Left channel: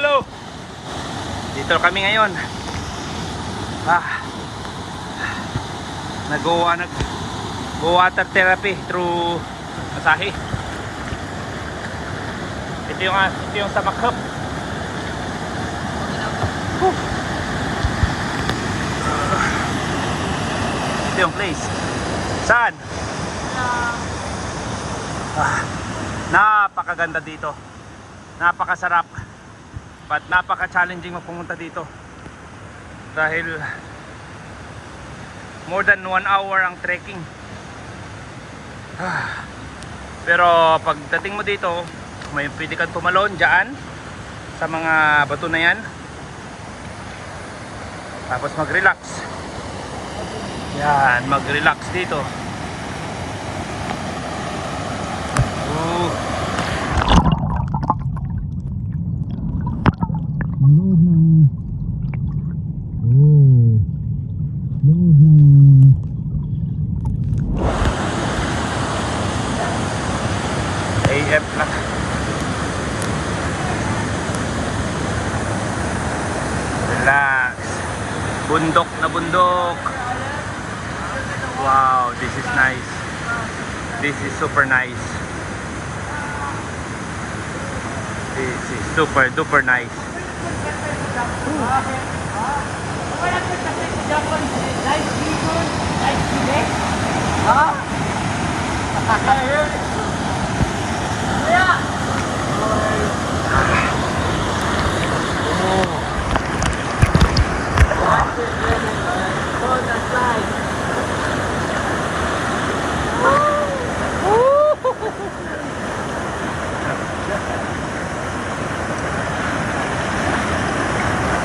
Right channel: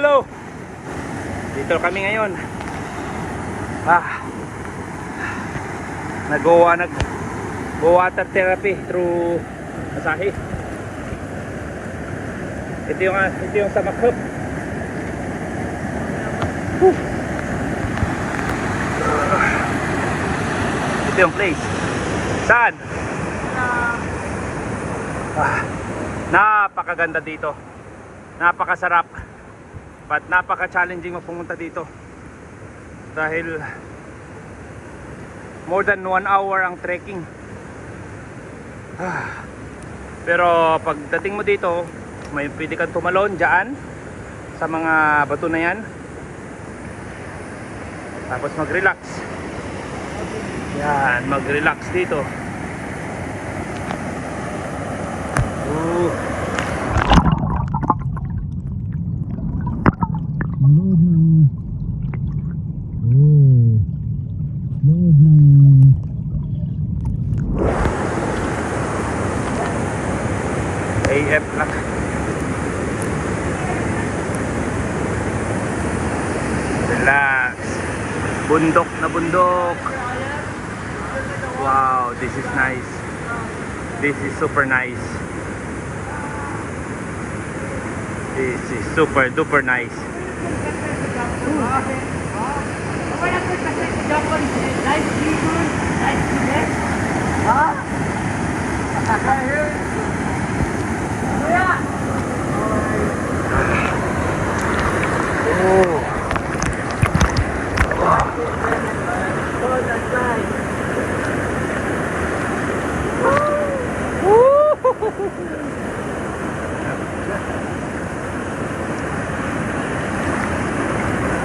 Hello! Dito kami ngayon. Nag-go water therapy through Asahi. Ito yung sa Makhub. Ito yung place. Saan? Napakaganda dito. Napakasarap. But napaka-challenging magpumunta dito. Dahil more than 1 hour ang trekking. Pero pagdating mo dito, may pwede kang tumalon dyan sa mga bato na yan. Tapos mag-relax. Yan, mag-relax dito. AF na. Relax. Bundok na bundok. Wow, this is nice. This is super nice. This is super duper nice.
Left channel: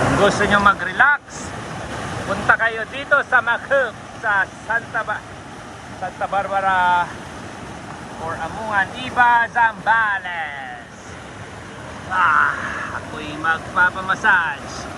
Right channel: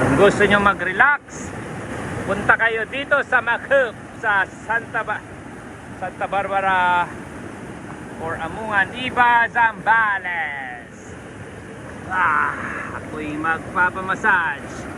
Kung gusto nyo mag-relax, punta kayo dito sa Makhub, sa Santa Barbara or Amungan, Iba, Zambales. Ako'y magpapamassage.